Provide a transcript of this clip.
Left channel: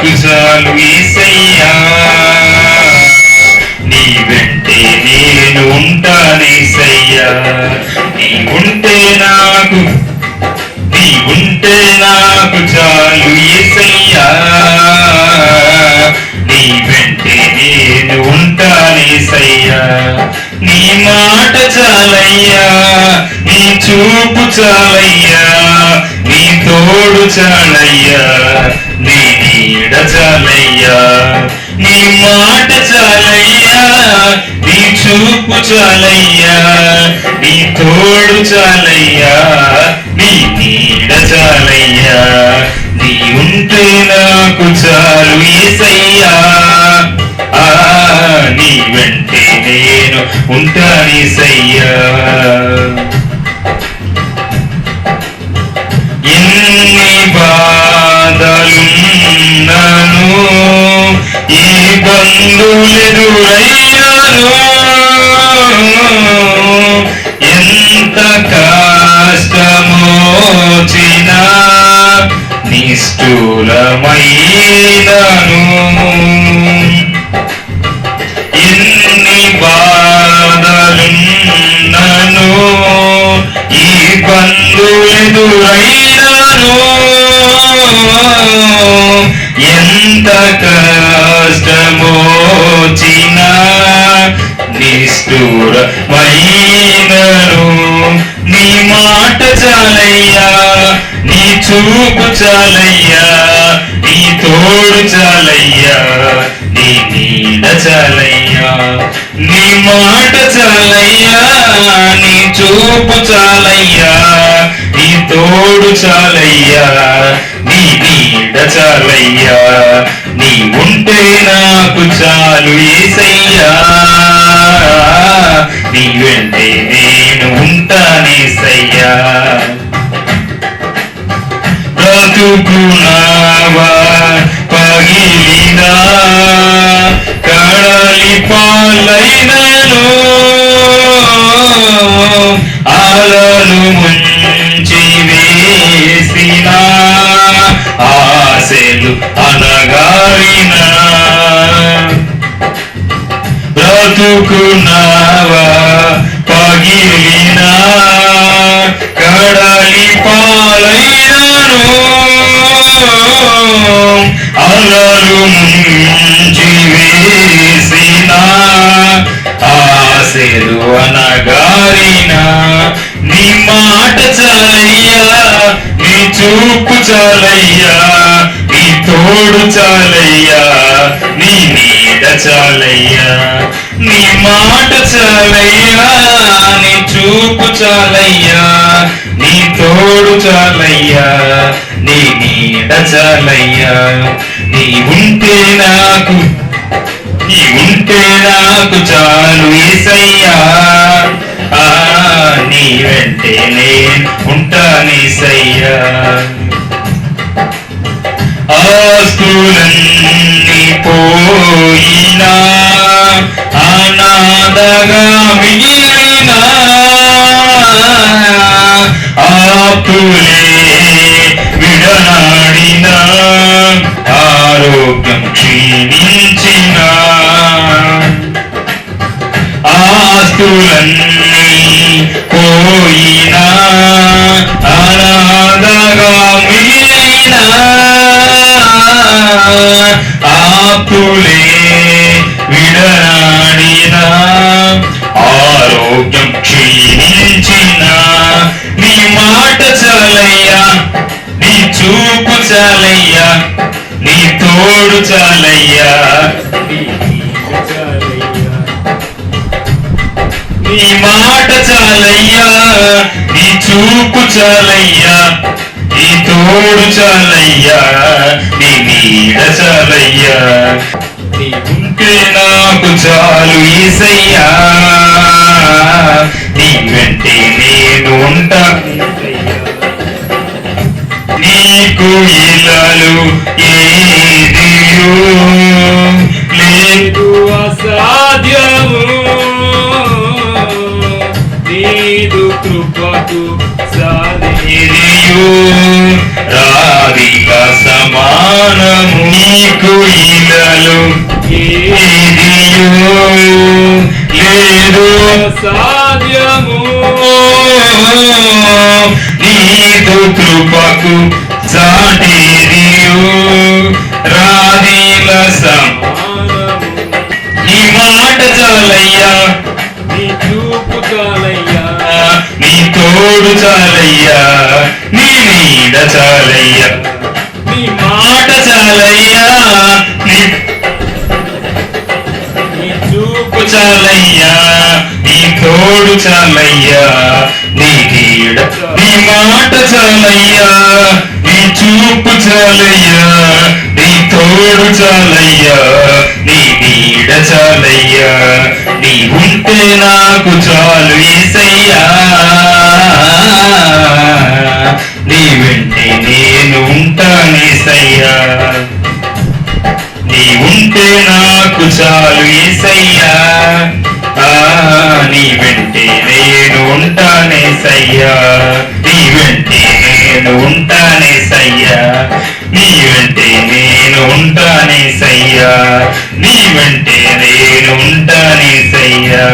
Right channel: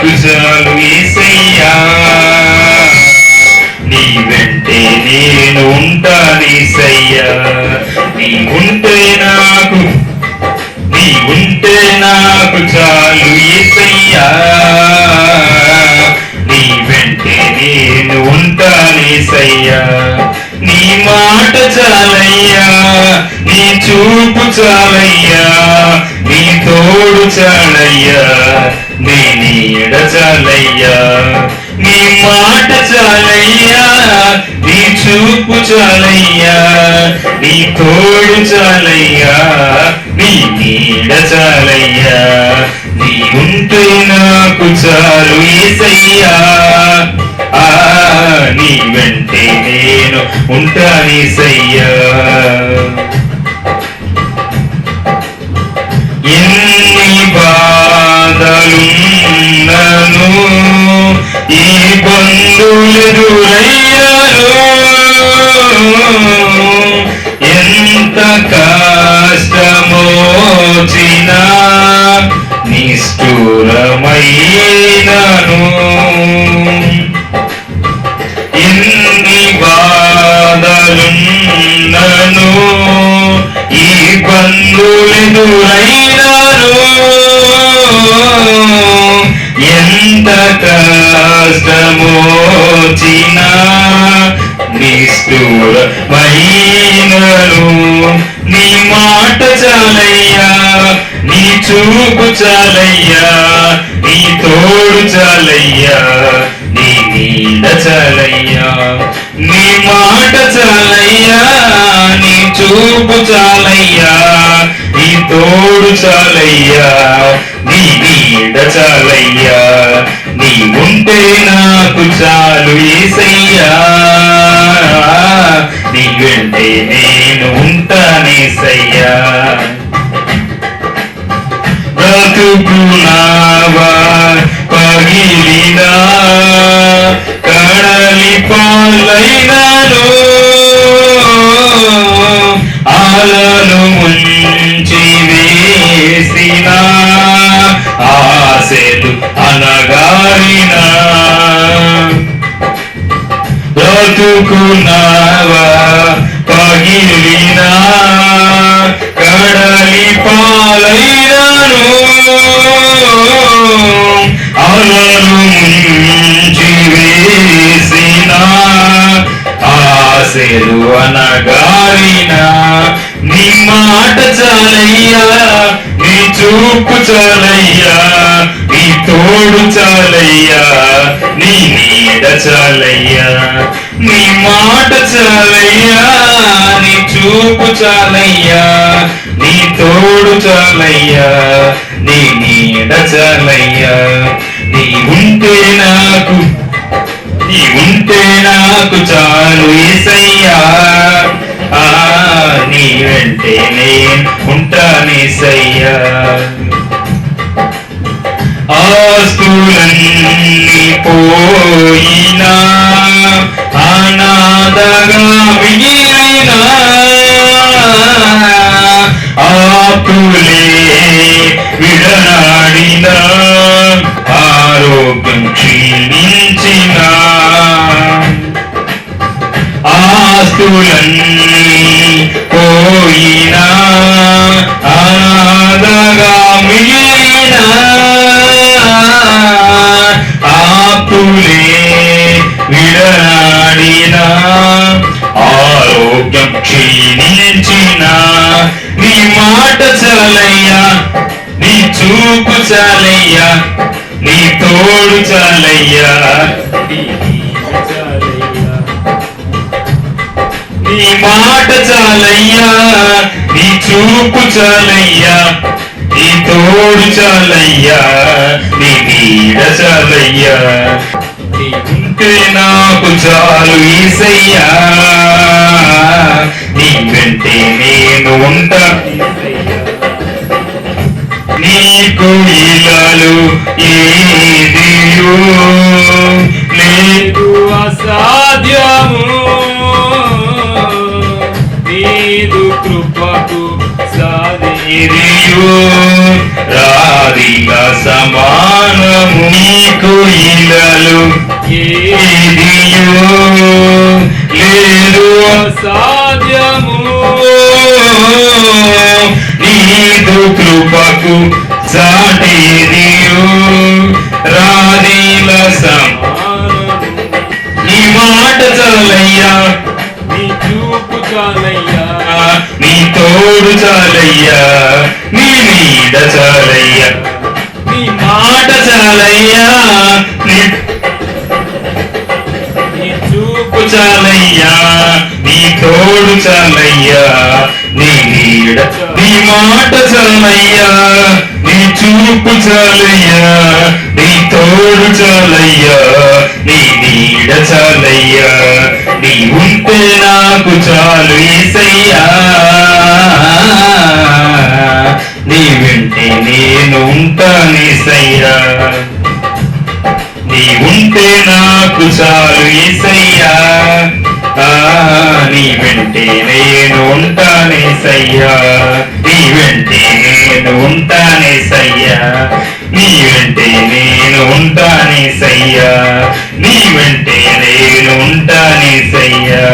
నాకు చాలు యేసయ్యా, నీ వెంటే నేను ఉంటానేసయ్యా. నీ ఉంటే నాకు చాలు యేసయ్యా, నీ వెంటే నేను ఉంటానేసయ్యా. నీ మాట చాలయ్యా, నీ చూపు చాలయ్యా, నీ తోడు చాలయ్యా, నీ నీడ చాలయ్యా. నీ మాట చాలయ్యా, నీ చూపు చాలయ్యా, నీ తోడు చాలయ్యా, నీ నీడ చాలయ్యా. నీ ఉంటే నాకు చాలు యేసయ్యా, నీ వెంటే నేను ఉంటానేసయ్యా. ఎన్ని బాధలున్నను, ఈ బంధువులెదురయ్యాను, ఎంత కష్టమోచినా నిష్ఠూరమైనాను. ఎన్ని బాధలున్నను, ఈ బంధువులెదురైనాను, ఎంత కష్టమోచినా నిష్ఠూరమైనాను. నీ మాట చాలయ్యా, నీ చూపు చాలయ్యా, నీ తోడు చాలయ్యా, నీ నీడ చాలయ్యా. నీ మాట చాలయ్యా, నీ చూపు చాలయ్యా, నీ తోడు చాలయ్యా, నీ నీడ చాలయ్యా. నీ ఉంటే నాకు చాలు యేసయ్యా, నీ వెంటే నేను ఉంటానేసయ్యా. బ్రతుకున్నావా పగిలినా, కడలి పాలైనాను, అలలు ముంచి వేసిన ఆశలు అనగారినా. బ్రతుకున్నావా పగిలినా, కడలి పాలైనాను, అలలు ముంచి వేసిన ఆశలు అనగారినా. నీ మాట చాలయ్యా, నీ చూపు చాలయ్యా, నీ తోడు చాలయ్యా, నీ నీడ చాలయ్యా. నీ మాట చాలయ్యా, నీ చూపు చాలయ్యా, నీ తోడు చాలయ్యా, నీ నీడ చాలయ్యా. నీ ఉంటే నాకు చాలు యేసయ్యా, నీ వెంటే నేను ఉంటానేసయ్యా. ఆస్తులన్నీ పోయినా, అనాథగా మిగిలినా, ఆకులే విడనాడినా, ఆరోగ్యం క్షీణించిన, ఆస్తులన్నీ పోయినా, అనాథగా మిగిలినా, ఆకులే విడనాడినా, ఆరోగ్యం క్షీణించిన. నీ మాట చాలయ్యా, నీ చూపు చాలయ్యా, నీ తోడు చాలయ్యా, నీ మాట చాలయ్యా, నీ చూపు చాలయ్యా, నీ తోడు చాలయ్యా, నీ నీడ చాలయ్యా. నీ ఉంటే నాకు చాలు యేసయ్యా, నీ వెంటే నేను ఉంటా. నీకు ఇలాలు ఏదియో లేదు అసాధ్యము, నీదు కృపకు సాధిరియో రాధిక సమానము. నీకు ఇలలు ఏదియు లేదు సాధ్యము నీదు కృపకు సాటిరియు రాధిల నీ మాట చాలయ్యా నీ చూపు చాలయ్యా నీ తోడు చాలయ్యా నీ నీడ చాలయ్యా నీ మాట చాలయ్యా నీ చూపు చాలయ్యా నీ తోడు చాలయ్యా నీ నీడ నీ మాట చాలయ్యా నీ చూపు చాలయ్యా నీ తోడు చాలయ్యా నీ నీడ చాలయ్యా నీ ఉంటే నాకు చాలు యేసయ్యా నీ వెంటే నేను ఉంటానేసయ్యా నీ ఉంటే నాకు చాలు యేసయ్యా నీ వెంటే నేను ఉంటానేసయ్యా నీ వెంటే నేను ఉంటానేసయ్యా నీ వెంటే నేను ఉంటానేసయ్యా నీ వెంటే నేను ఉంటానేసయ్యా